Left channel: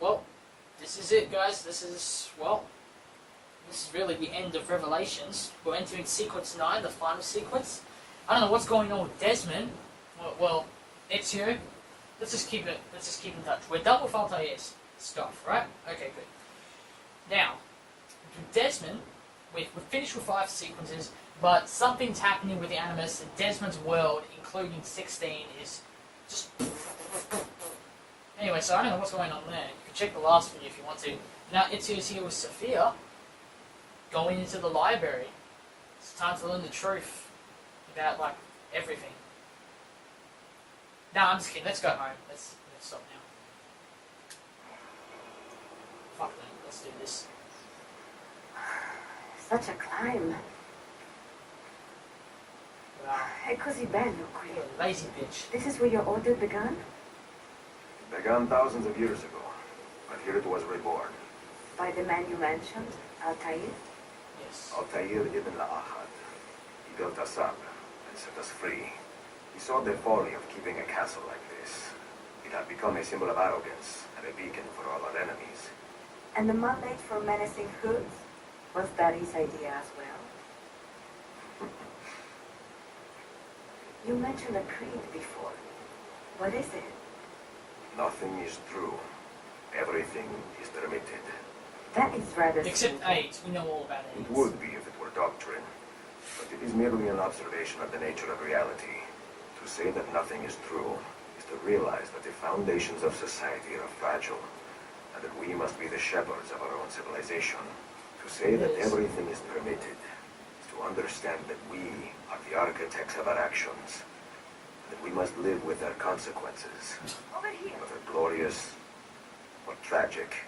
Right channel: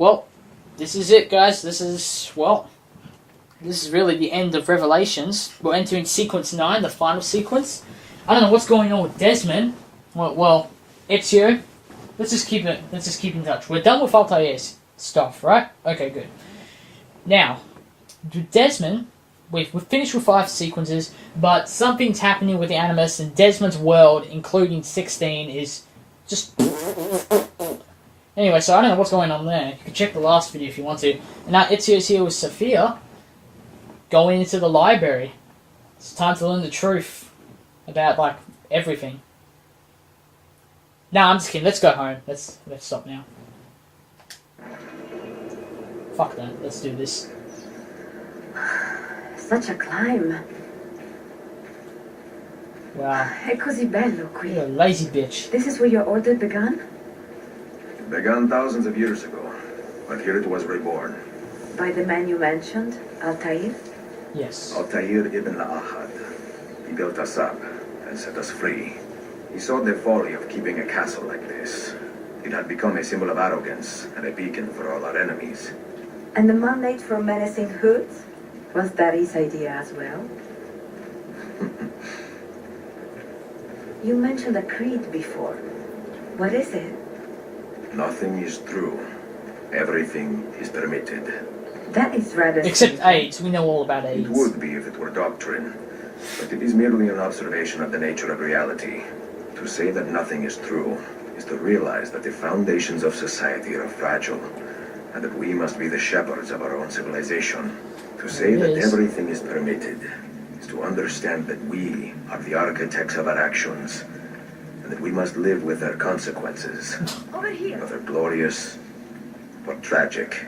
well, this is it, guys. This is really the end of Revelations. We're entering sequence 9, the final sequence. I don't know what's going on with Desmond. Well, Ezio. Let's just keep in touch. We're done with Altair's stuff, right? Okay, good. Now, Desmond, we've finished with 5 sequences, but something's happening with the Animus, and Desmond's world, including 16, is just... Anyway, so I don't know what's going on there. You can check the last video if you want to. And now Ezio's here with Sophia, going into the library. It's time to learn the truth about, like, everything. Nah, I'm just kidding. Let's go home. Let's stop now. Fuck that. Let's do this. Such a climb. Wow. È così bello qui. You're a lazy bitch. This is where your order began? It began thousands of years ago, but here it was reborn. By the man you mentioned, Altair? Yes. Altair ibn Ahad. He built us up and set us free. He saw the folly of keeping a castle like this. It had become a symbol of arrogance and a beacon for all our enemies. And the mandate for menacing hoods? Was that his idea as well? You mentioned a creed before. What is it? Nothing is true. Everything is permitted. That is rather... Except simple. AIDS. We know all about AIDS. It would be if it were doctrine, but it is merely an observation of the nature of reality. To say that nothing is true is to realize that the foundations of society are fragile, and that we must be the shepherds of our own civilization. To say that everything is permitted is to understand that we are the architects of our actions, and that we must live with their consequences, Over here. whether glorious or tragic.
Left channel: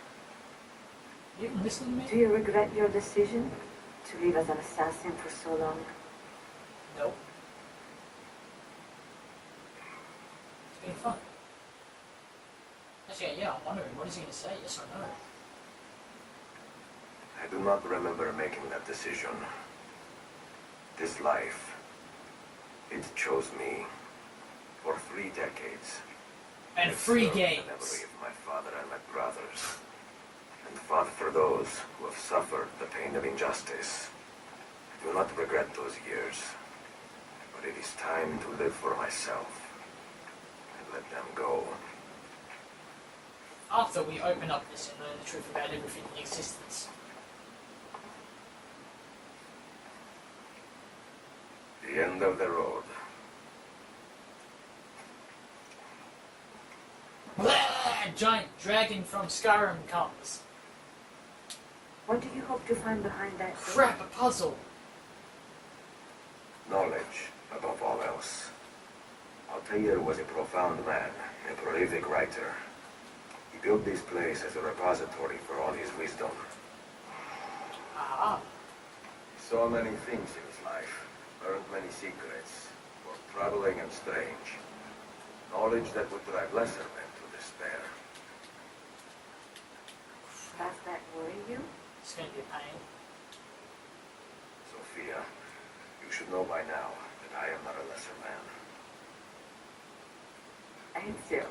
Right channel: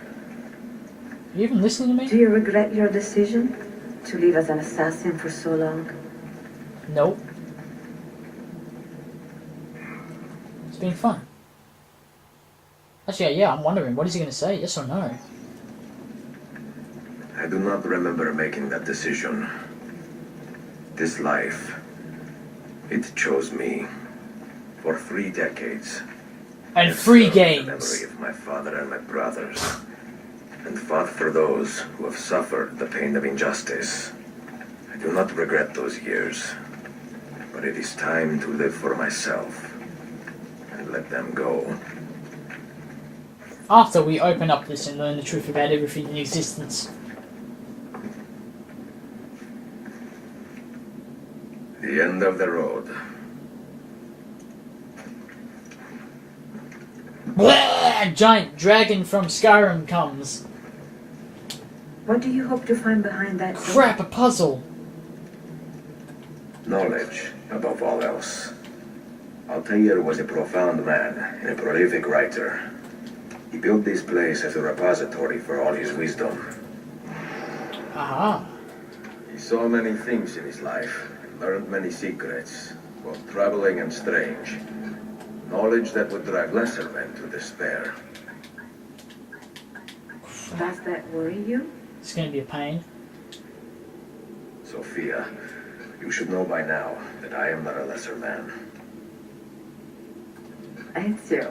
You even listening to Do me? you regret your decision to live as an assassin for so long? Nope. It's been fun. Actually, yeah, I'm wondering, what is he going to say? Yes or no? I do not remember making that decision. This life, it chose me. For 3 decades. And I free served the games. memory of my father and my brothers, and fought for those who have suffered the pain of injustice. I do not regret those years, but it is time to live for myself and let them go. After we open up this and learn the truth about everything in existence. The end of the road. Blah! Giant dragon from Skyrim comes. What do you hope to find behind that door? Crap, a puzzle. Knowledge, above all else. Altair was a profound man and a prolific writer. He built this place as a repository for all his wisdom. Aha. He saw many things in his life, learned many secrets, both troubling and strange. Knowledge that would drive lesser men to despair. Does that worry you? It's going to be a pain. Sophia, you should know by now that I am not a lesser man. Ezio.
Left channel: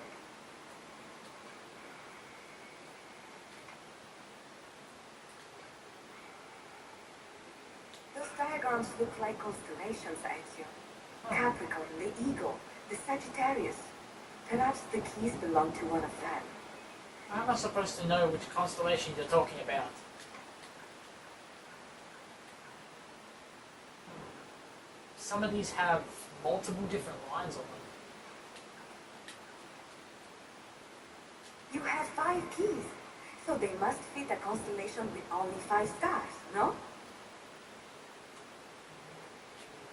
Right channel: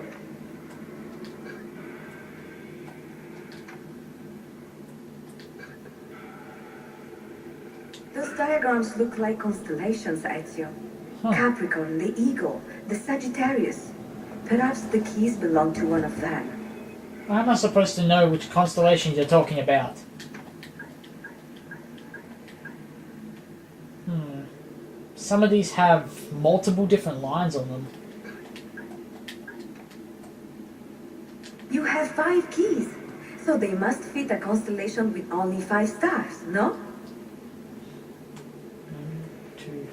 Those diagrams look like constellations, Ezio. Huh. Capricorn, the Eagle, the Sagittarius. Perhaps the keys belong to one of them. How am I supposed to know which constellations you're talking about? Some of these have multiple different lines on them. You have 5 keys, so they must fit a constellation with only 5 stars, no? 1, 2,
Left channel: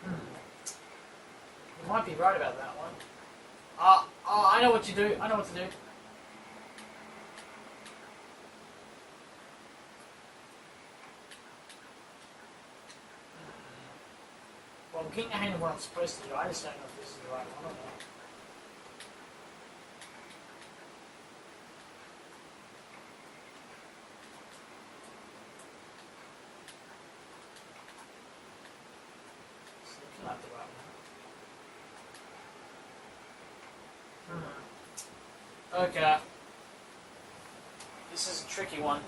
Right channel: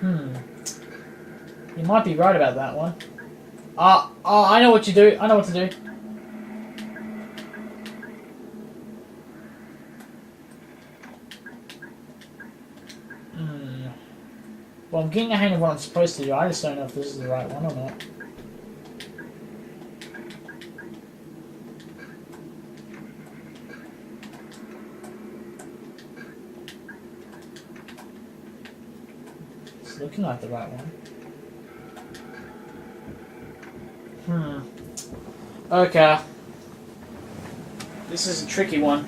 3, 4. You might be right about that one. I know what you do. I know what to do. Well, I'm getting the hang of what I'm supposed to do. I just don't know if this is the right one or not. It's looking like the right one. Okay. This is a tricky one.